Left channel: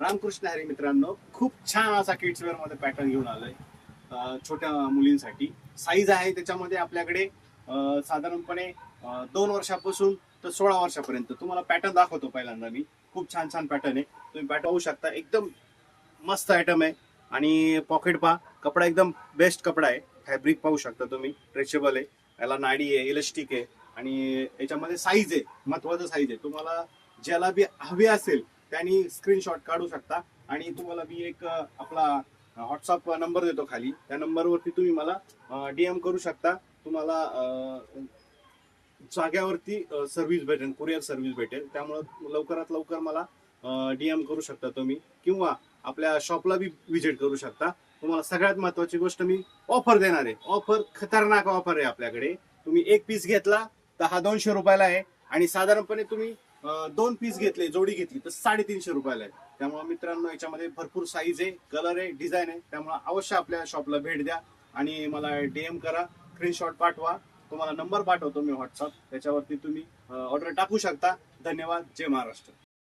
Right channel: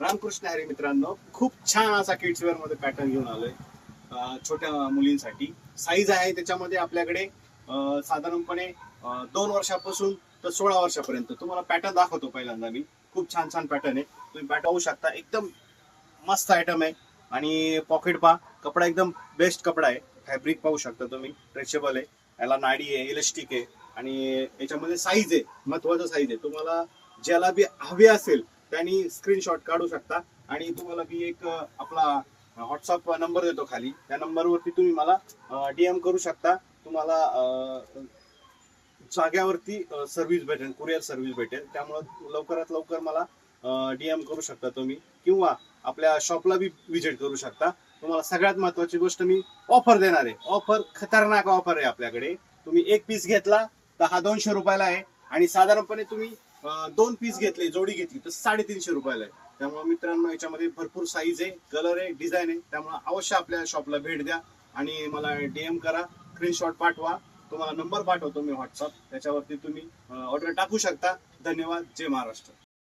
रामकृष्ण हरी मित्रांनो, खूप छान असा किड्स वेअर मध्ये पॅटर्न घेऊन आलोय छोट्या मुलींसाठी. साईज आहे त्याच्यामध्ये आपल्याकडे साधारणपणे 2 वर्षापासून तर 16 वर्षापर्यंत. तुम्हाला पॅटर्न दाखवतो पहिल्यांदा मी. खूप छान छान पॅटर्न आहे, तुम्ही पॅटर्न पाहू शकता. एकदम मस्त आयटम आहे. आणि पॉकेट पहा, कपडा एकदम बेस्ट कपडा आहे. फॅब्रिक पाहू शकता तुम्ही, स्ट्रेचेबल आहे, याला नाडी आहे, इलास्टिक आहे. आणि याच्यामध्ये साईज आहे, महत्वाचं साईज आहे. तुम्हाला ज्याला बी हवी असेल त्यांनी स्क्रीनशॉट काढू शकता. आणि तुम्हाला मी एक आपला व्हॉट्सअप नंबर देतो खाली, त्या नंबरवरती तुम्ही मला DM करू शकता. तुम्हाला जाग्यावरती सर्व्हिस भेटेल, कुरिअर सर्व्हिस भेटेल. त्यामुळे लवकरात लवकर मला DM करू शकता तुम्ही, किंवा आपल्या शॉपला बी व्हिजिट करू शकता. तुम्हाला सगळ्यात महत्वाची गोष्ट मी ऑफर देणार आहे. ऑफर खतरनाक ऑफर आहे आपल्याकडे. तुम्ही एक पीस घेतला तर हा 200 रुपयाला आहे, आणि साधारणपणे तुम्ही 2 पीस घेतले, जोडी घेतली तर 350 रुपयाला आहे. त्यामुळे मित्रांनो, याच्यामध्ये भरपूर साईज आहे, कलर आहे, डिझाईन आहे. त्यामुळे अवश्य आपल्या शॉपला भेट द्या आणि मला DM करा, स्क्रीनशॉट पाठवा. तुम्हाला नंबर पाठवतो मी व्हॉट्सअप, त्याच्यावरती तुम्ही ऑर्डर टाकू शकता. धन्यवाद. जय महाराष्ट्र.